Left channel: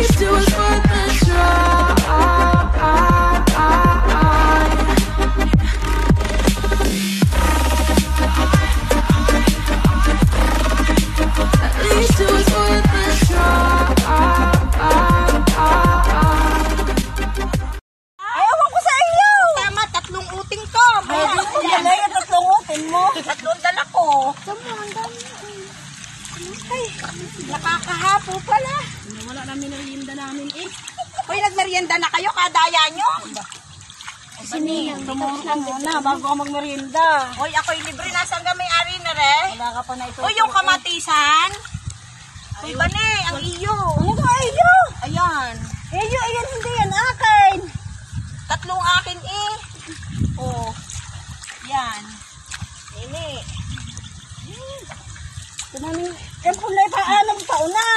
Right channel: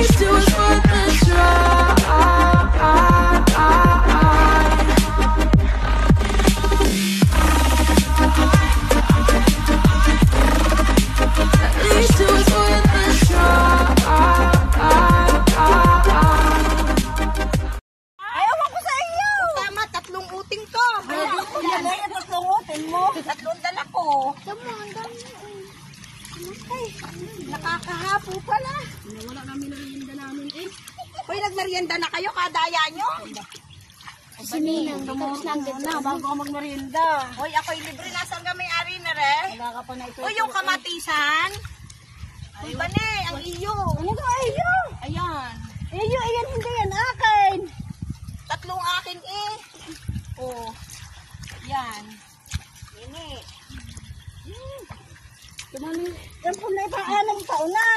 least it was worth the try. At least it was worth the try. Ayaw ko sa iyo! Tama, 3 uting ko. Yan na yung 3 uting mo. 3 dala ko. Ay, nakakahapo pala. Wala namin merienda namin eh. Uy, nagmerienda na kayo, kadaya nyo. Bani, tumuro ka muna bago ako magmerienda. Uy, ako'y libre. Nasaan ka may-ari na re? Wala ka pa na ito. Uy, yung kamatisan. Uy, Bani, ang iyo. Ano ka iyo? Ayan. Iyo, ayan hindi yan akin. 3 akin eh. Oh. Yan. Ini. Yan pulay pa anong pauna.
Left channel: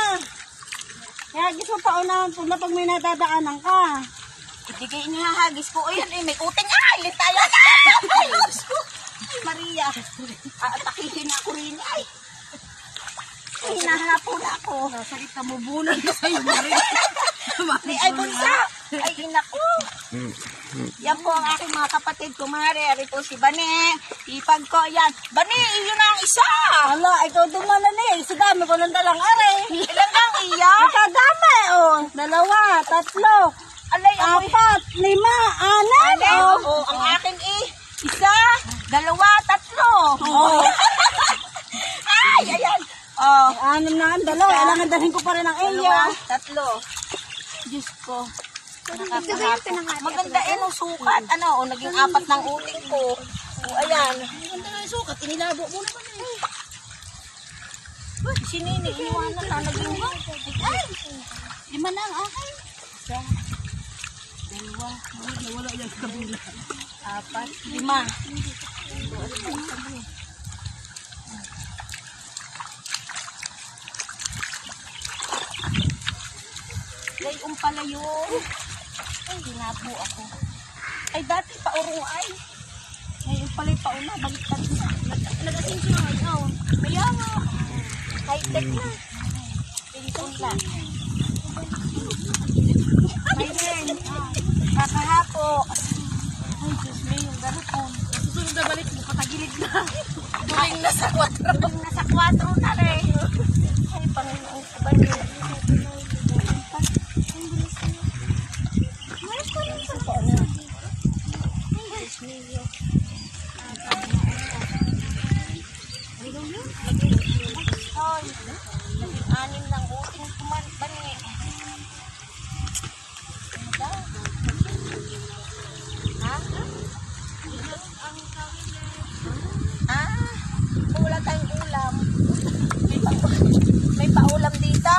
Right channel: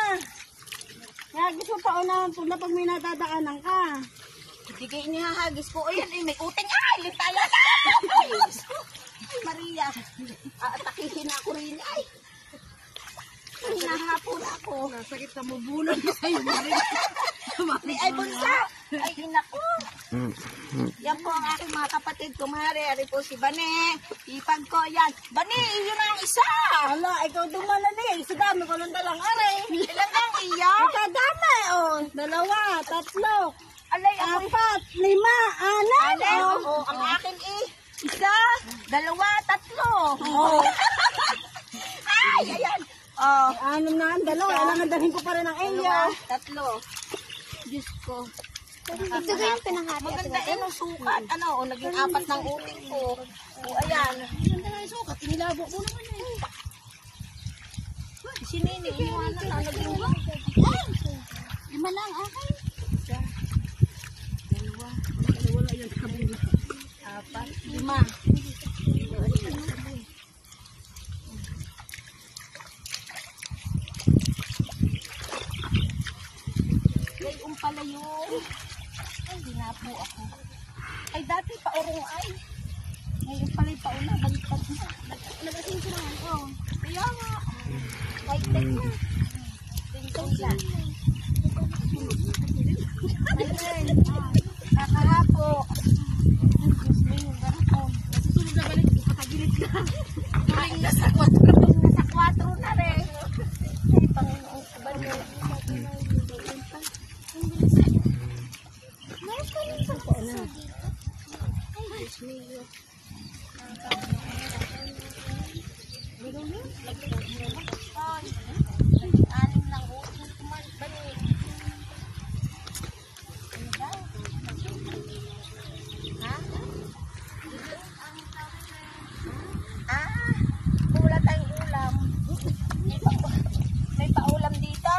Kaya gusto pauna pula pag may nadadaanan ka. Itigay niya hagis ko. Ayan eh, may uting. Ay, tayo na. Ay, Diyos ko. Maria. Atakihin ako rin. Ay. Ay, nahapon ako. Sakit ka mo bulan ka sa'yo, Maria. Ay, bunsa. Ay, inako. Yan po ang aking mga kapatid, kumare. Ari po si Bane. Ipag ko, yan. Bane, yun ang isa. Hala, ikaw dumalan eh. Sa dami ko lang dalang aray. Ilan lang iya? Kadami oh. 2, 3. Alay, ako'y 4, 5, 6. oh, ang akin eh. 1, 2, 3. Oh. Ay, ayan. Oh. 6 na ang dalawa. Kailangan dalhin ko pa rin ang iyo. 2, 3. Diyos ko. Nakakahapo. Maganda eh, no, sukat. Ano, naging 4 ng uting ko. Oh, ayan. Ganda nga yung sukat. Inilabo mo naman eh. Si Nini, iwan na sana din ba? Ay! 5 na ang akin. 2, Wala yung kabili. 4, 5. Gayon pala yun. Ay, hinapo ako. Ay, dati paurong ay. Ngayon pala yung pauna, baliktad na. Nag-asinsi na ikaw. Kaya nga. High-tech na. Pinto siya. Ayun. Kakahapo. Ay, Diyos me, yung garupon. Susunod na balik ko, katagilid na. Tuling na sa 4. Tuling na sa 4 na rin. Ay, Panginoon. Maris ko lang sa kona. Anim lang uting kuman pa rin. Ano ba? Ha? Wala tayong ulam. May paulam dito?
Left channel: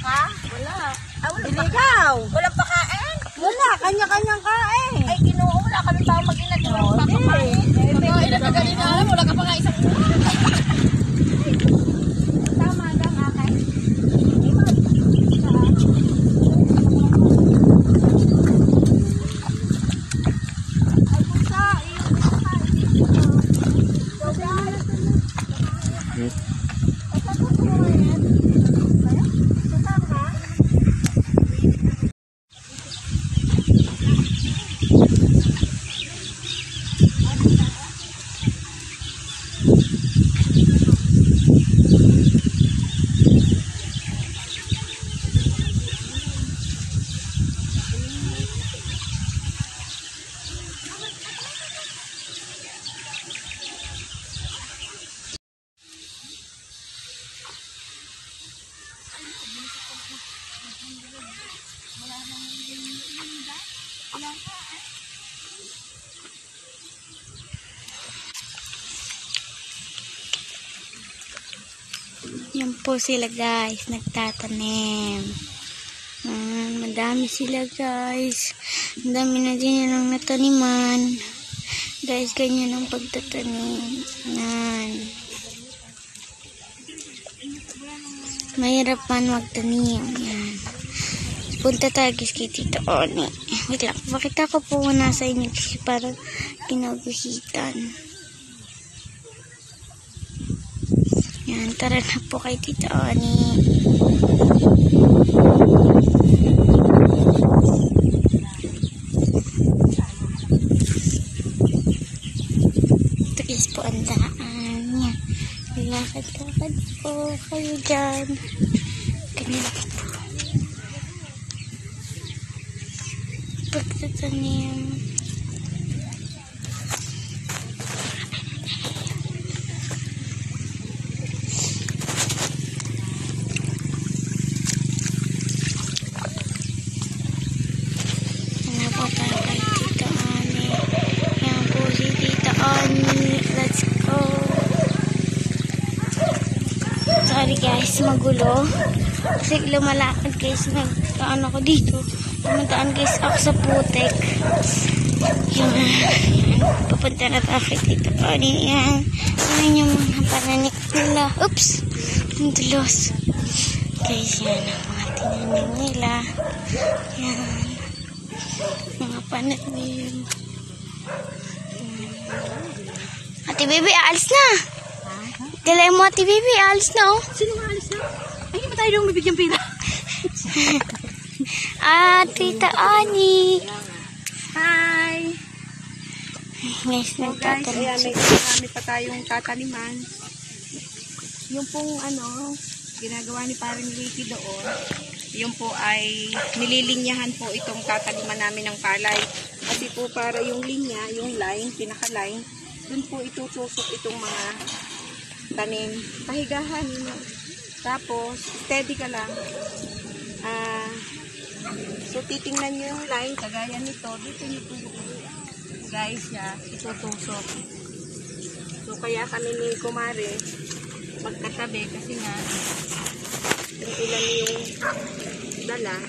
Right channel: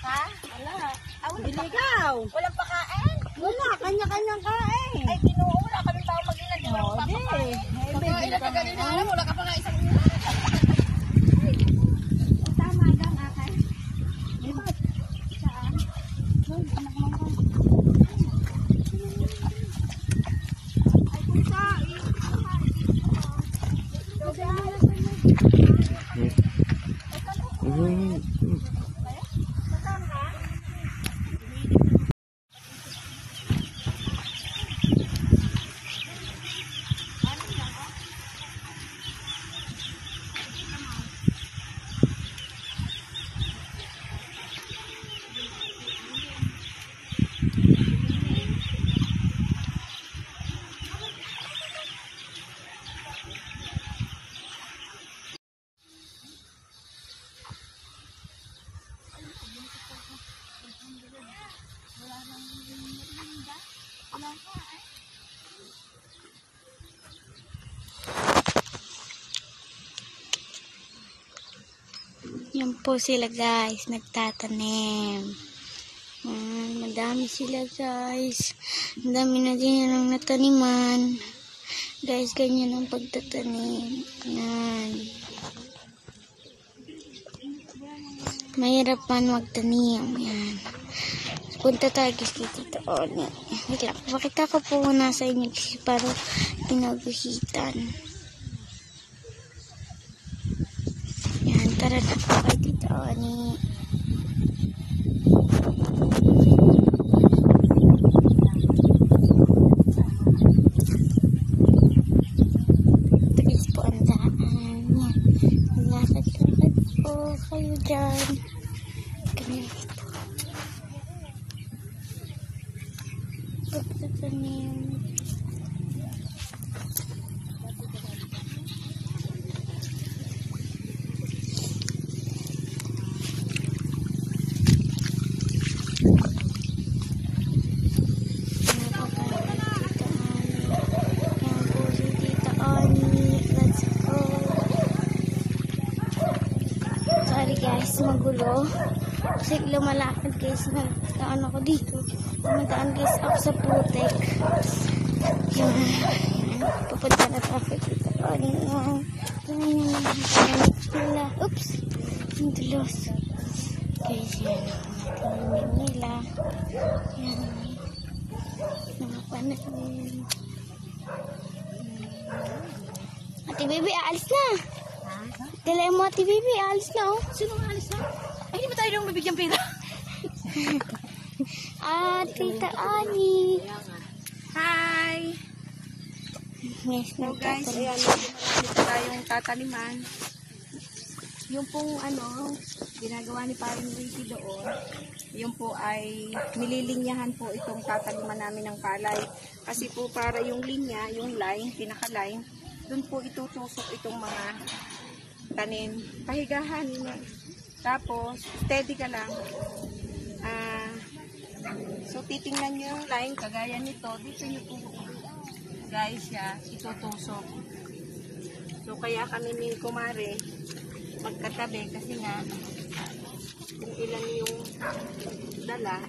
Ha? Wala. Wala Iligaw. Walang pakain? Wala, kanya-kanyang kain. Ay, kinuula kami pa mag-inad. Pagkain na kagaling na alam, wala ka pa nga isang Tama lang, akay. Ay, pusa. Yan po sila guys, nagtatanim. Madami sila guys. Ang dami na din ang nataniman. Guys, ganyan ang pagtatanim. Yan. Mahirap man magtanim. Yan. Punta tayo guys kay Tito Oni. Wait lang, pakita ko po muna sa inyo kasi parang pinaguhitan. Yan, tara na po kay Tito Oni. tanim. Yan po tayo kay Tita Ani. Yan po si Tita Ani. Let's go. Sorry guys, magulo. Kasi lumalakad guys, nagkaan ako dito. Pumuntaan guys ako sa putek. Yan. Papunta na traffic dito. Yan. Yan yung mga pananik nila. Oops! Yung tulos. Guys, yan ang mga tinanim nila. Yan. Mga pananim. Ate Baby, aalis na. Dala mo, Ate Baby, aalis na oh. Sino nga alis na? Ay, hindi ba tayo nung bibigyan pila? Tita Ani. Hi! Guys, So guys, ayan, marami pa tayong tataniman. Yung pong ginagawa ni Parang Ricky doon, yung po ay nililinyahan po itong tataniman namin ng palay. Kasi po para yung linya, yung line, pinaka-line, dun po itutusok itong mga tanim. Pahigahan mo. Tapos, steady ka lang. So, titingnan nyo yung line, kagaya nito. Dito nyo po, guys, itutusok. So, kaya kami ni Kumare, magkatabi kasi nga, yung ilan yung dala,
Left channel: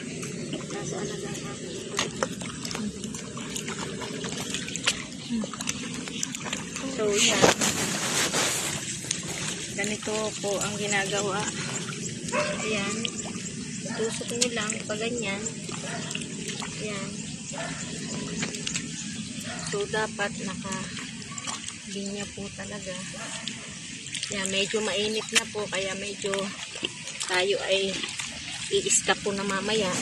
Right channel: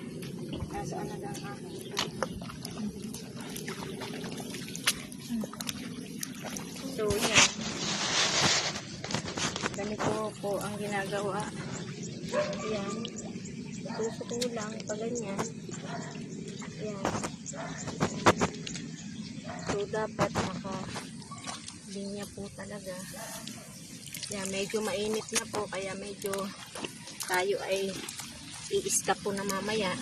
nasaan na lang ako. So, yan. Ganito po ang ginagawa. Ayan. Tusok nyo lang pag ganyan. Ayan. So, dapat naka-linya po talaga. Ayan, medyo mainit na po. Kaya medyo tayo ay i-stop po na mamaya.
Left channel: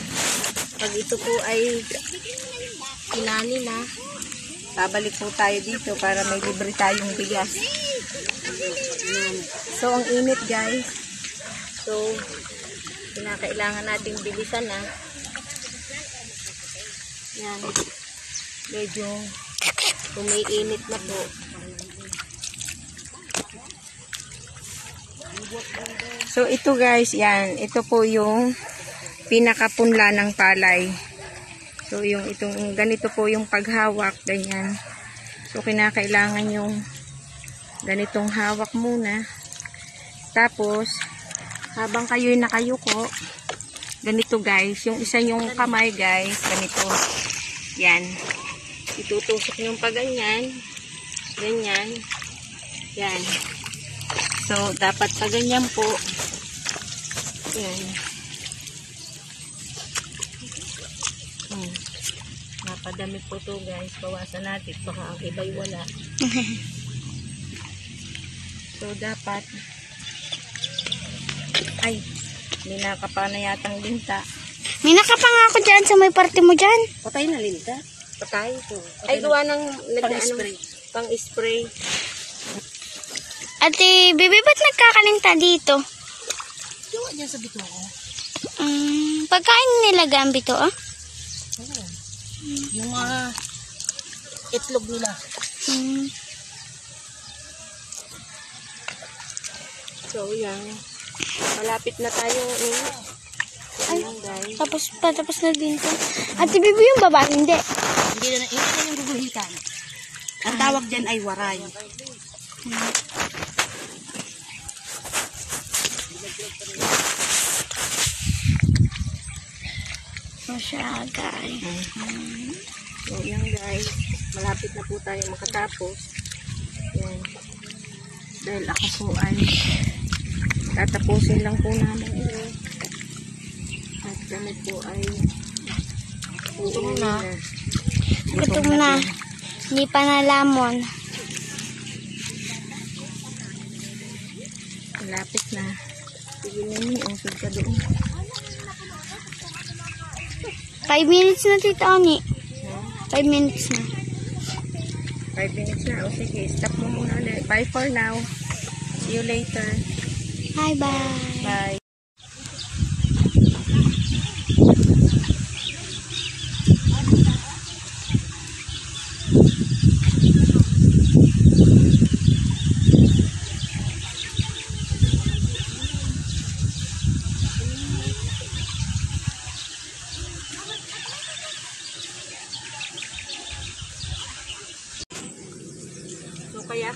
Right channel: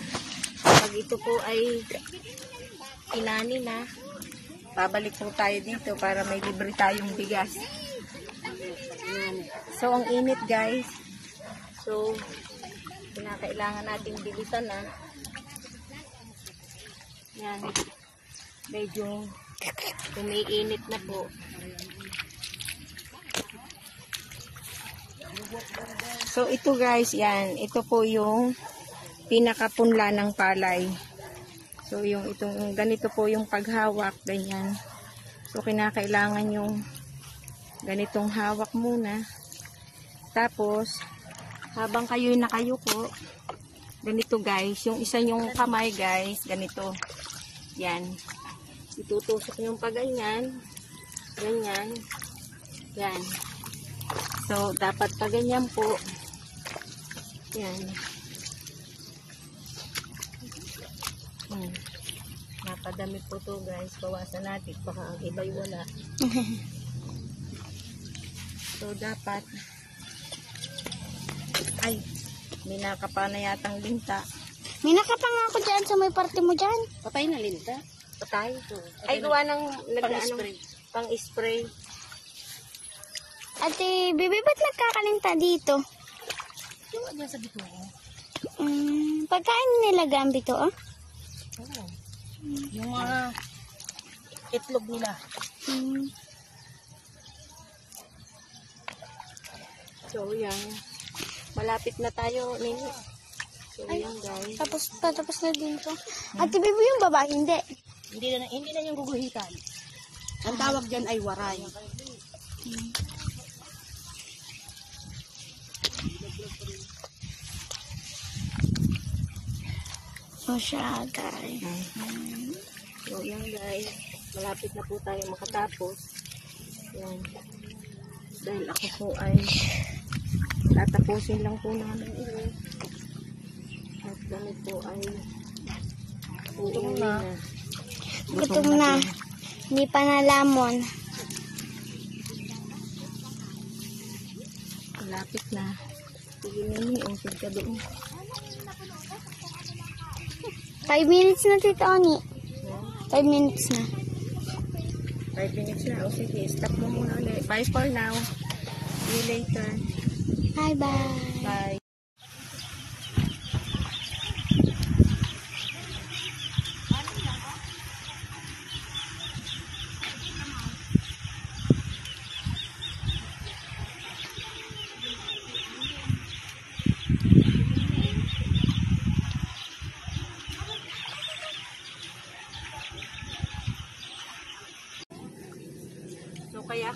Pag ito po ay inani na, babalik po tayo dito para may libre tayong bigas. So, ang init guys. So, kinakailangan nating bilisan na. Yan. Medyo umiinit na po. So, ito guys, yan. Ito po yung pinakapunla ng palay. So, itong ganito po yung paghawak, ganyan. So, kinakailangan yung ganitong hawak muna. Tapos, habang kayo'y nakayuko, ganito guys, yung isa yung kamay guys, ganito. Yan. Itutusok yung pa ganyan. Ganyan. Yan. So, dapat pa ganyan po. Yan. Napadami po to guys. Bawasan natin. Baka ang iba'y wala. So, dapat ay, ninakapa na yatang linta. May nakapa nga ako dyan sa may parte mo dyan. Patay na linta? Patay. Ay, gawa ng pang-spray. Pang-spray. Ate Baby, ba't nagkakalinta dito? Yung dyan sa bito ko. Pagkain nila gambito, ah? Yung itlog nila. So, yan. Malapit na tayo. Ayan, guys. Tapos na din to. Ate Baby, yung baba, hindi. Hindi na yung guguhitan. Ang tawag dyan ay waray. So, siya, guys. So, yan, guys. Malapit na po tayo makatapos. Yan. Dahil ako po ay tatapusin lang po namin ito. At kami po ay gutom na. Gutom na. Hindi pa nalamon. Malapit na. Sige naman, okay ka doon. 5 minutes na, Tita Oni. 5 minutes na. 5 minutes na. O sige, stop mo muna ulit. Bye for now. See you later. Bye-bye. Bye.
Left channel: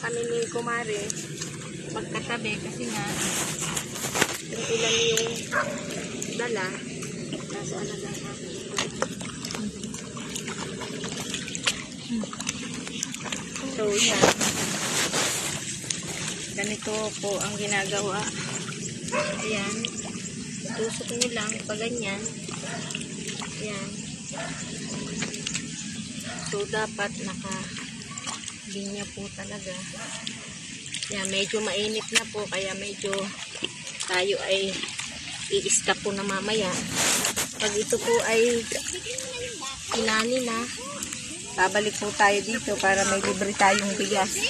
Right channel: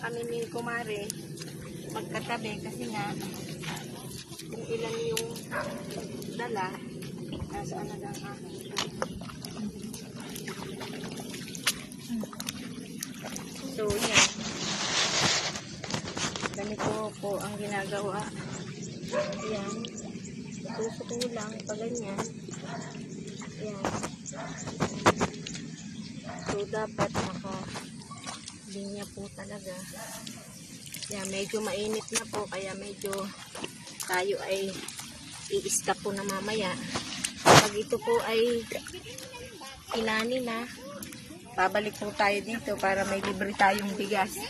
kami ni Kumare magkatabi kasi nga yung ilan yung dala nasa alagang ako. So, ganito po ang ginagawa. Ayan. Tusok nyo lang pag ganyan. Ayan. So, dapat naka-linya po talaga. Ayan, medyo mainit na po. Kaya medyo tayo ay i-stop po na mamaya. Pag ito po ay inani na, babalik po tayo dito para may libre tayong bigas.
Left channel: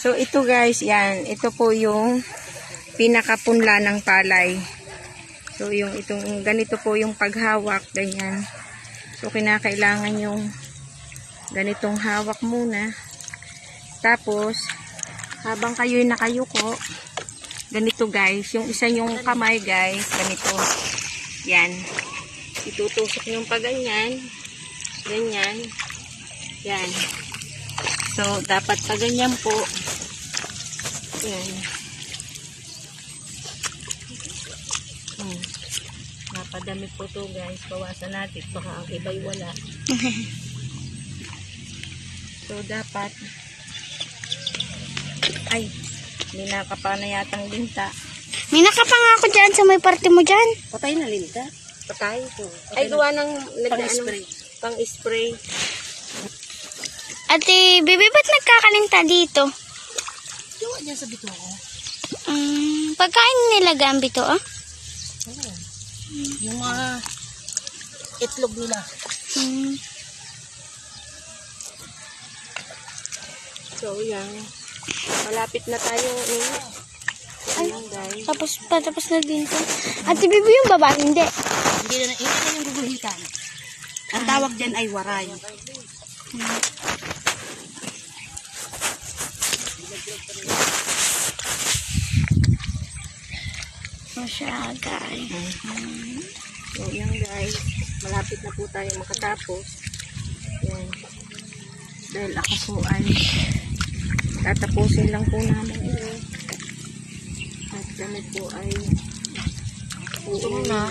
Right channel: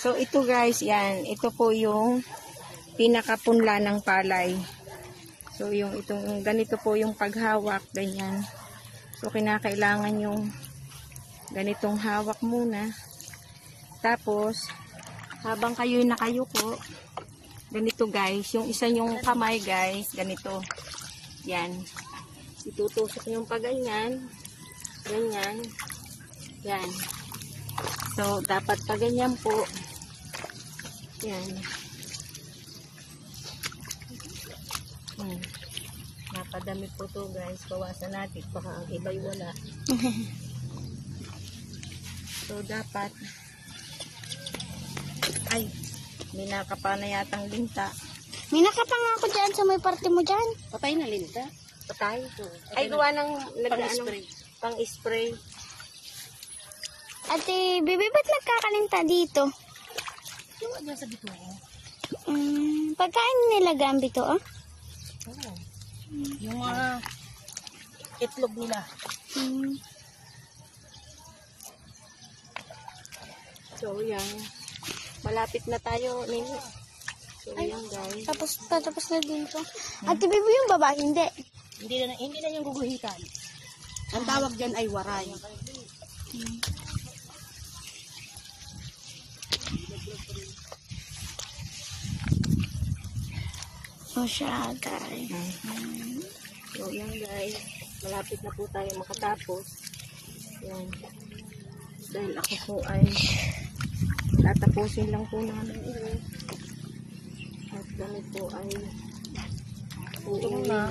So ito guys, yan. Ito po yung pinakapunla ng palay. So yung itong ganito po yung paghawak, ganyan. So kinakailangan yung ganitong hawak muna. Tapos habang kayo'y nakayuko, ganito guys, yung isa yung kamay guys, ganito. Yan. Itutusok yung pag ganyan. Ganyan. Yan. So, dapat pag ganyan po. Yan. Napadami po to guys. Bawasan natin. Baka iba'y wala. So, dapat ay, hindi nakapa na yatang linta. May nakapa nga ako dyan sa may parte mo dyan. Patay na linta? Patay ito. Ay, gawa ng pang-spray. Pang-spray. Ate, Bibi, ba't nagkakalinta dito? Yung dyan sa bito ko. Pagkain nila gambito, ah? Yung mga itlog nila. So, yan. Malapit na tayo. Ayan, guys. Tapos na din to. Ate, Bibi, yung baba, hindi. Hindi na ito yung guguhitan. Ang tawag dyan ay waray. So, siya, guys. So, yan guys. Malapit na po tayo makatapos. Yan. Dahil ako po ay tatapusin lang po namin ito. At kami po ay Gutom na.